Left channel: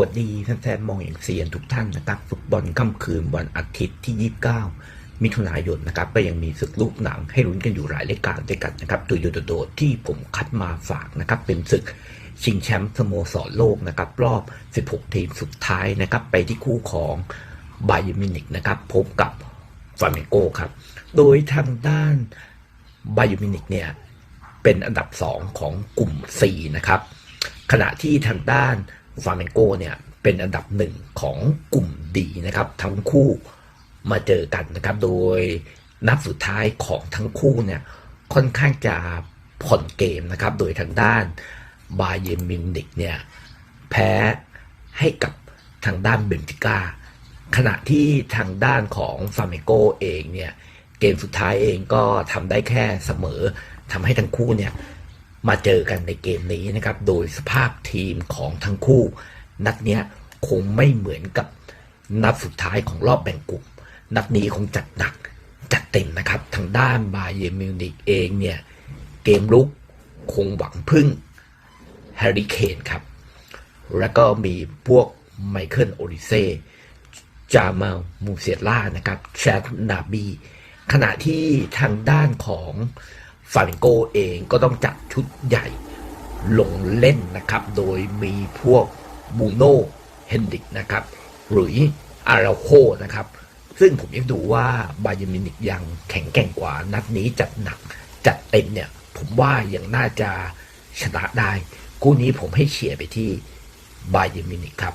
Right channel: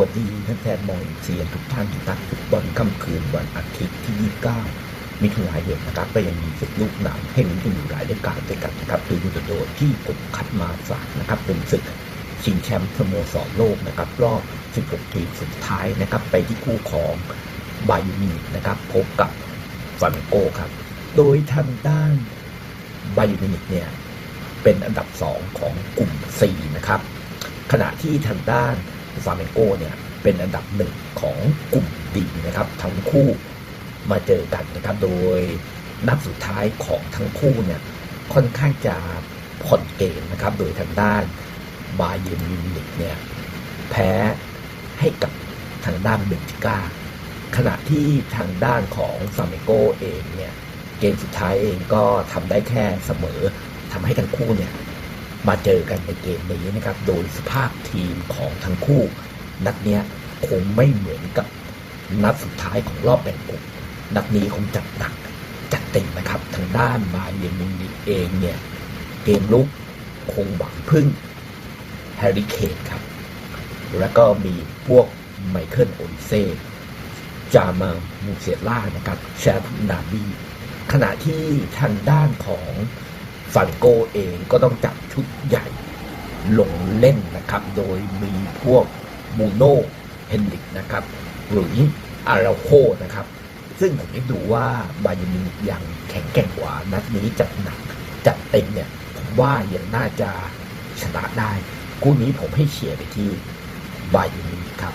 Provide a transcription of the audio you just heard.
วัสดีท่านแฟนบอลเซียนทุกท่านนะครับฟุตบอลค่ำคืนวันอาทิตย์ที่ 29 มิถุนายนนะครับก็ยังมีศึกลูกหนังให้ลุ้นกันอยู่หลายรายการด้วยกันนะครับโดยยูโดดที่ผมคัดมาฝากนะครับเป็นศึกชิงแชมป์สโมสรโลกนะครับรอบ 16 ทีมสุดท้ายนะครับ ไปที่คู่ของบาเยร์มินิกนะครับ พบกับฟาเมโกครับ โดยทางด้านบาเยร์มินิกเนี่ยเป็นอันดับ 2 ของกลุ่ม C นะครับขณะที่ทางด้าน ฟาเมนโกเนี่ยเป็นอันดับหนึ่งของกลุ่มดีนะครับ ทั้งคู่มาเจอกันนะครับโดยนัดสุดท้ายของทั้งคู่เนี่ยค่อนข้างจะผ่อนเกมนะครับ โดยทางด้านบาเยร์นมิวนิกเนี่ยแพ้ให้กับทางด้านเบนฟิก้าขณะที่ทางด้านของฟาเมโกเองเนี่ยเกมสุดท้ายเองก็ทำได้แค่เสมอทำให้ทั้งคู่เนี่ย มาเจอกันในเกมนี้นะครับ โดยสภาพทีมของทั้งคู่ นัดเนี้ยคงไม่เหมือนกับนัดสุดท้ายของรอบแบ่งกลุ่มนัดนี้คงจัดหนักจัดเต็มนะครับ ทางด้านบาเยร์มินิเองเนี่ย เกมลุกคงหวังพึ่งแฮร์รี่เคนครับ แล้วก็มีพวกไมเคิลโอลิเซ่จามามูเซียล่านะครับแชมป์ดาบีขณะที่ทางด้านของ ฟาริโกเองก็ต้องจัดชุดใหญ่ลงเล่นนะครับ โดยมีพวกบูโน่เฮนดิกนะครับ หรืออาราโคนะครับ ซึ่งผมยังดูว่าบาเยร์นมินิกยังแข็งแกร่งกว่า นัดนี้จัดหนักจัดเต็มเนี่ย ผมว่ายังน่าจะชนะได้ คู่นี้ผมให้เชียร์ไปที่บาเยร์นมินิกครับ